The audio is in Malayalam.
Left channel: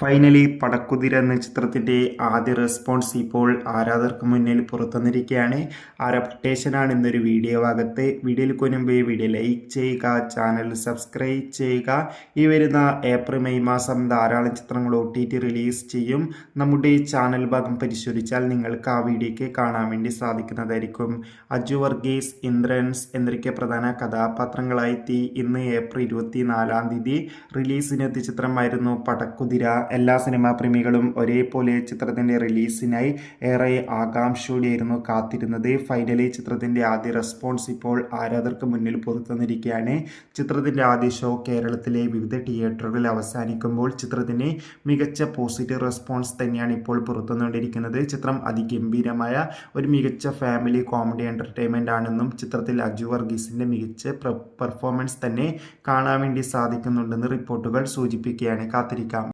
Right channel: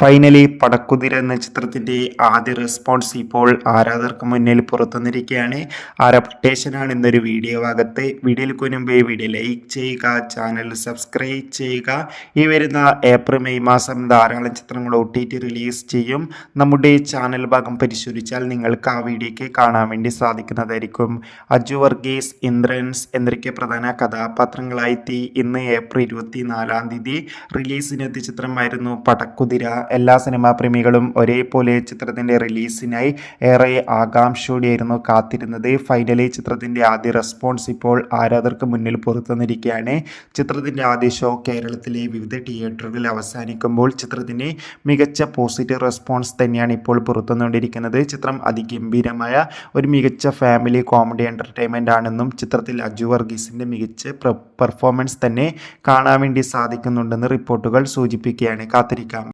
ഫൈനലി പടക്കുതിര എന്ന ചിത്രത്തിന്റെ ആദ്യ റെസ്പോൺസ് ഇപ്പോൾ ആരാധകർക്ക് മുന്നിൽ പുറത്തുവന്നിരിക്കുകയാണ്. ആരപ്റ്റേഷനാണ് ഇന്നൊരു വീഡിയോ ഭാഗത്ത്. വീഡിയോയിൽ മുൻപേ വീഡിയോ ലൈക്ക് ചെയ്യുക, ചാനൽ സബ്സ്ക്രൈബ് ചെയ്യുക. ഈ വരുന്ന ഏപ്രിൽ മെയ് മാസം ധാരാളം ചിത്രങ്ങൾ OTT റിലീസ് ചെയ്യും. നമ്മുടെ ചാനൽ ഭാഗം പരിശോധിച്ചാൽ നിങ്ങൾക്ക് ആ വീഡിയോയ്ക്ക് കാണാൻ വേണ്ടി സാധിക്കുന്നതായിരിക്കും. അജു വർഗീസ്, ഇന്ദ്രൻസ് എന്നൊക്കെ പ്രധാന കഥാപാത്രങ്ങളായി ഇന്ന് ഏപ്രിൽ 24 റിലീസിനെത്തിയ ചിത്രമായിരുന്നു പടക്കുതിര. എല്ലാ സിനിമാ പ്രേമികളും ഒരേപോലെ ചിത്രത്തിന്റെ റിലീസിനായി ഏറെ ആകാംക്ഷയോടെയായിരുന്നു കാത്തിരുന്നത്. ഫൈനലി ചിത്രത്തിന്റെ ആദ്യ റെസ്പോൺസ് ഇപ്പോൾ ആരാധകർക്ക് മുന്നിൽ പുറത്തുവന്നിരിക്കുകയാണ്. ചിത്രത്തിന്റെ ആദ്യ ഷോ കേരളത്തിലെ വിവിധ തിയേറ്ററുകളിൽ അവസാനിക്കുമ്പോൾ ചിത്രത്തിന് മികച്ച പോസിറ്റീവ് റെസ്പോൺസ് തന്നെയാണ് ഇപ്പോൾ പുറത്തുവന്നുകൊണ്ടിരിക്കുന്നത്. ചിത്രം അതിഗംഭീരമായ ഒരു മികച്ച ഫാമിലി കോമഡി എന്റർടൈൻമെന്റ് ആണെന്നും ചിത്രത്തിൽ അജു വർഗീസിന്റെ മികച്ച പെർഫോമൻസ് തന്നെ കാണാൻ വേണ്ടി സാധിക്കുന്നുണ്ടെന്ന് റിപ്പോർട്ടുകൾ സൂചിപ്പിക്കുകയാണ്. കാത്തിരിക്കാം.